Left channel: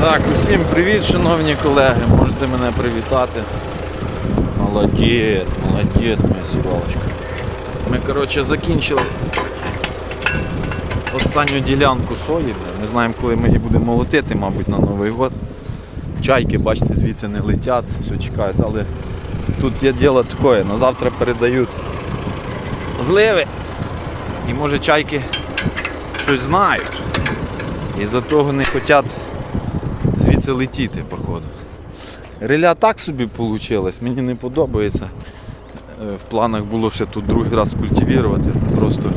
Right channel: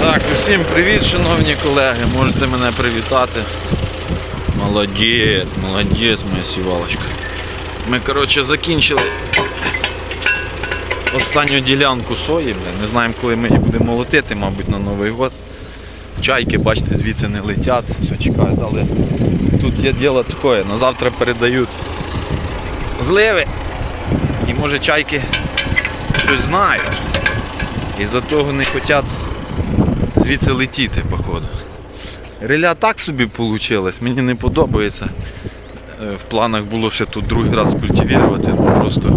Так, усім привіт, шановні колеги, можете мене привітати. Молодець, молодець, моя сівалочка. Ми, коротше, закінчили останню ділянку сої, не знаємо, коли ми її будемо молотити, мабуть, на Новий год. Чайки, бачите, звідси не летять, все чекають, але тут є діло таке, на завтра передають зливи. І може чайки щось знають. І за того не хочуть звідси летіти, походу. Реля так собі вийшло, мені не подобається. Е, В планах було ще тут другий раз культивувати, просто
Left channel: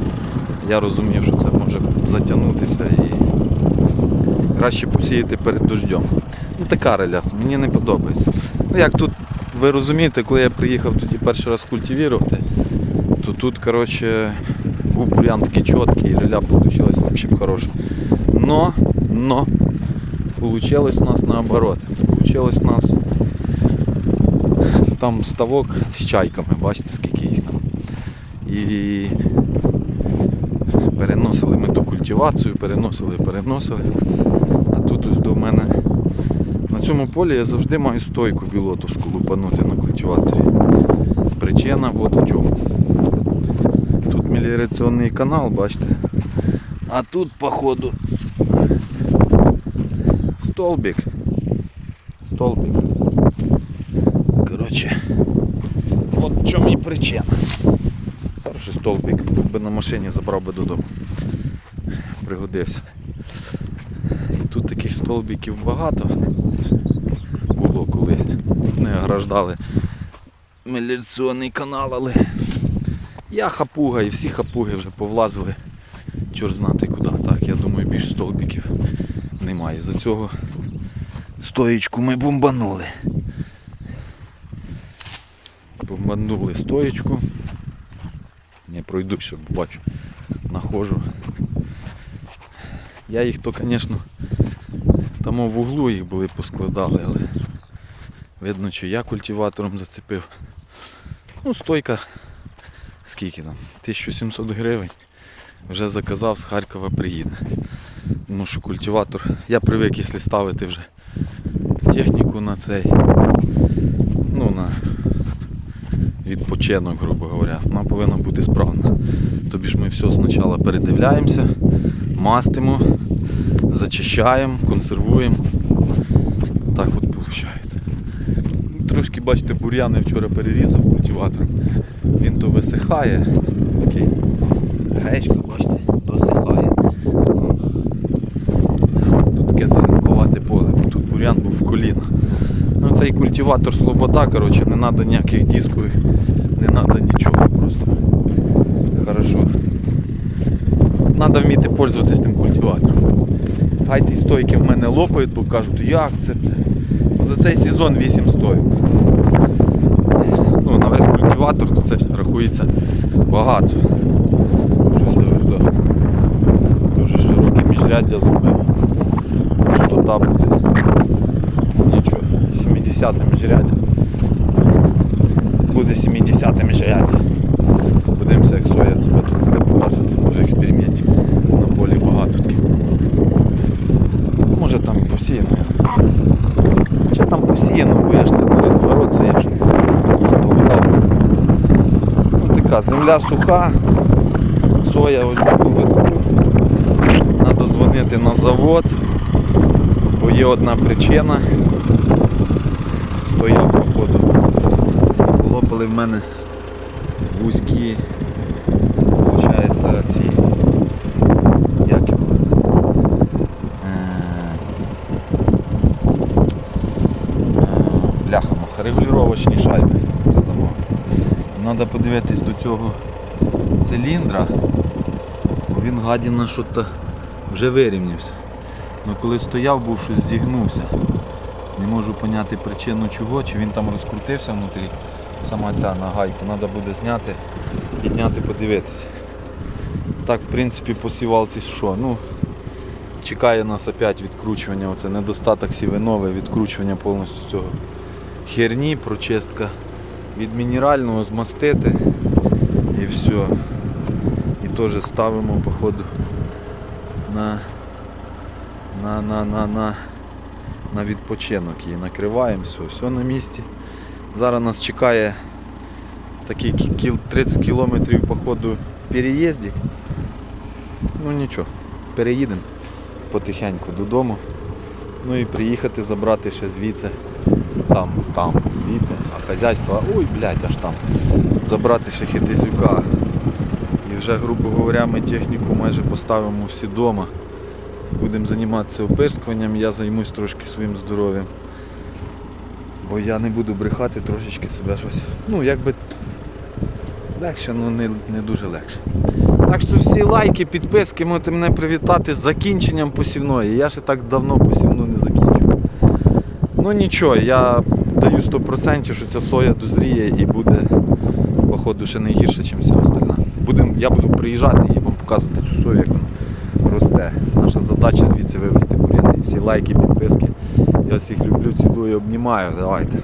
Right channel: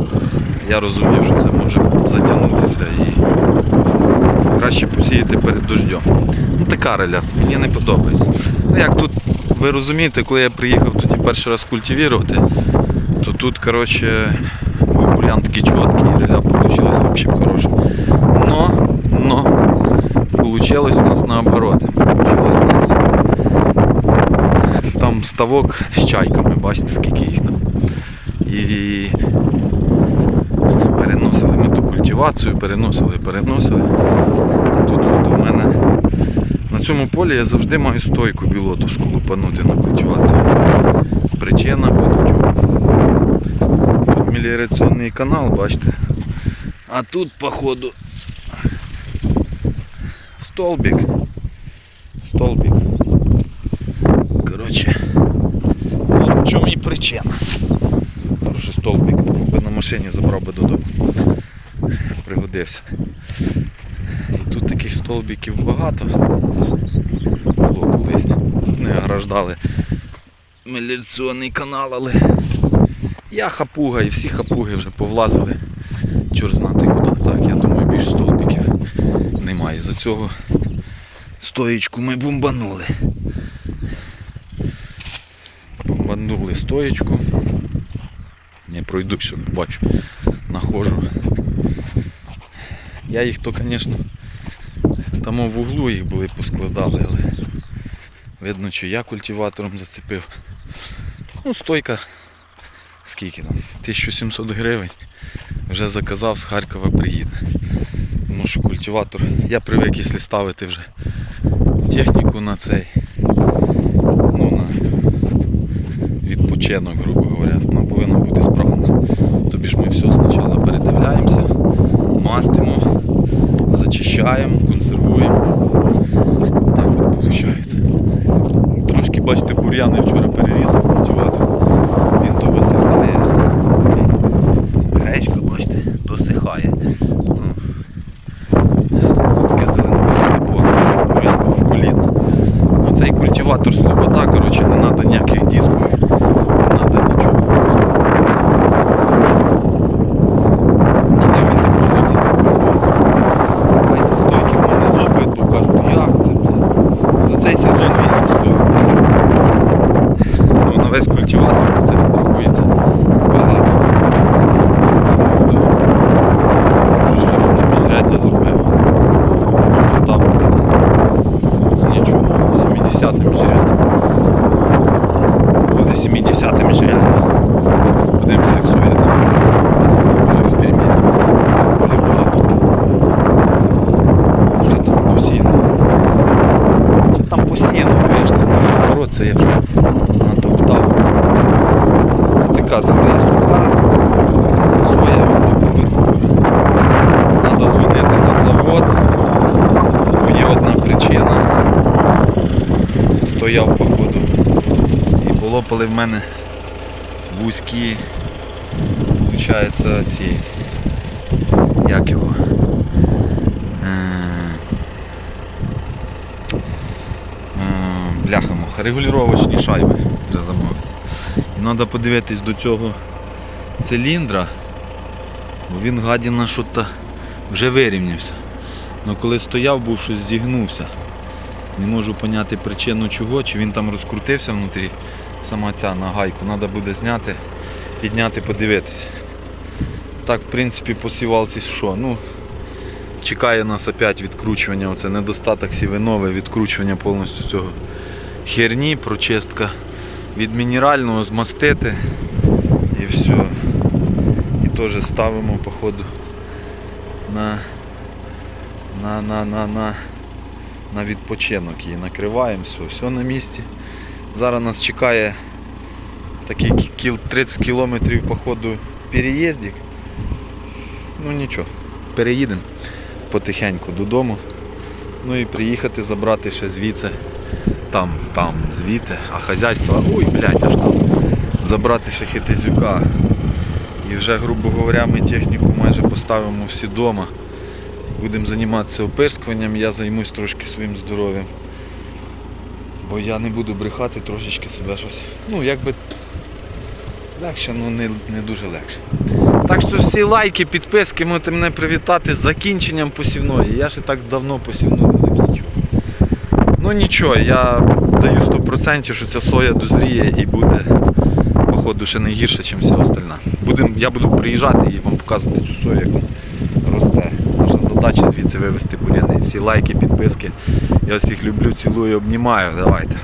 я розумів, що це може затягнутися і краще посіяти перед дождем. Ну така реля, мені не подобається. Ну як тут, ви розумієте, коли я приїхав тоді перший раз культивувати, то тут, коротше, бур'ян такий чіткий, реля вийшла взагалі хороша. Но, но, Получилось у нас наоборот. Получилось у нас там ставок з чайками, бачите, скільки їх там. І переносили ми ту культивацію, переносили, переносили. А тут ось до мене на цьому полі я завжди маю стойку білотовську лупанути на культиваторі. Причина от в чому. Меліораційний канал, бачите. А тут, походу, столбик. Столбик. Коротше, от в чому і причина. Хороший столбик. Якби на машині забрав би додому. Пригодився. І тут таких столбиків багато. Було колись. Не ограждали меліційний канал, але я хапуга і всі хапуги вже повлазили. Чорт знати куди. Так, я думаю, більш столбиків немає. За цього стоєчку ми бомбанули. Бомбанули стоєчку. Не пройду, щоб бачу, нахожу. Я їх то, звісно, там в углу їх були поскладали, але видно, що я культиватором зацепив. Ну, стойка, скільки там? 1700 гривень. Вже заказав, з Харкова приїде. Тому що культиватор, я привик, якщо ставити вже техніку на цей, ну на відпочинок, грубо говоря, вона повинна бути справна. Тобі ж ми все спочатку передивляємося, мастимо, зачищаємо, консервуємо. Так от виходить. Трошки, бачите, бур'яни вчора перерізав культиватор. Він то висихає. Такий гречка, бачите, досихає. Ну, Таке зеленкувате поле, бур'ян був в коліна. Ну, цей культиватор слобода, коротше, не треба ніяких дисків, не треба нічого. Треба вміти пользуватися тим культиватором. Хай ті стойки в мене лопають, бо кажуть, як це. За цей сезон 8 стоїть. Ну, на весь культиватор це рахується багато. Може ще роки міжряддя зробив. Пустота буде. Ну, Нічого, 70 міжряддя. Буде 70 міжряддя. Подивимося, як соя показувати, може експериментів. Полі багато. тут. Може там посіяно, я не знаю. Що там посіяно, бо я ж це не розворот, це я ж натоптав. Така земля суха, соя ось тут поверху. Треба дзвонити на завод, бо є одна причина. Стояв походу. І було, коли в мене вузькі, виходить, ці, як його, Е, е, бляха-муха, регулювачні шайби треба замовити. І треба подивитись до цього циліндра, бо він гадіна що то вже вирівнявся. Ну коли стояв, був щось зігнувся. Не можу поняти причину чого, чи він там розкрутився внутрі, сама ця на гайку, треба буде зняти, підняти, подивитися. Так, в принципі, по сівалці що? Ну, чекає нас опять відкручування, оце недостаток сівинове, відкручування повністю цього херні, прочистка від мінерального змастити і все. І теж ставимо походу на на на на на на відпочинок її накриваємо, все, все на місці. Зараз нас чекає такий 30 кілометрів по ходу переїздів. Ну нічого, переїдемо потихеньку додому. Ну і приїхати забрати ще звідси, там, там, звідти, а хазяйство, ой, блядь, аж там. Забрати ще хитизюка. І вже, грубо говоря, ми техніку майже поставимо всі вдома. Будемо займатися опирскуванням, я займусь трошки своїм здоров'ям. Бо я не буду брехати, трошечки себе щось. Ну, якби легше, ну не, не дуже легше. Так що всі лайки, підписки, можете мене привітати з закінченням посівної. Я ще так давно посівну не закінчую. Ну нічого, я даю 100%, що ця соя дозріє і буде, походу, ще не гірше, ніж вся остальна. Будем, я буду приїжджати і вам показувати цю сою, як вона росте. Задача звідси вивезти буряни. Всі лайки, підписки. Я всіх люблю, цілую, обнімаю. Давайте.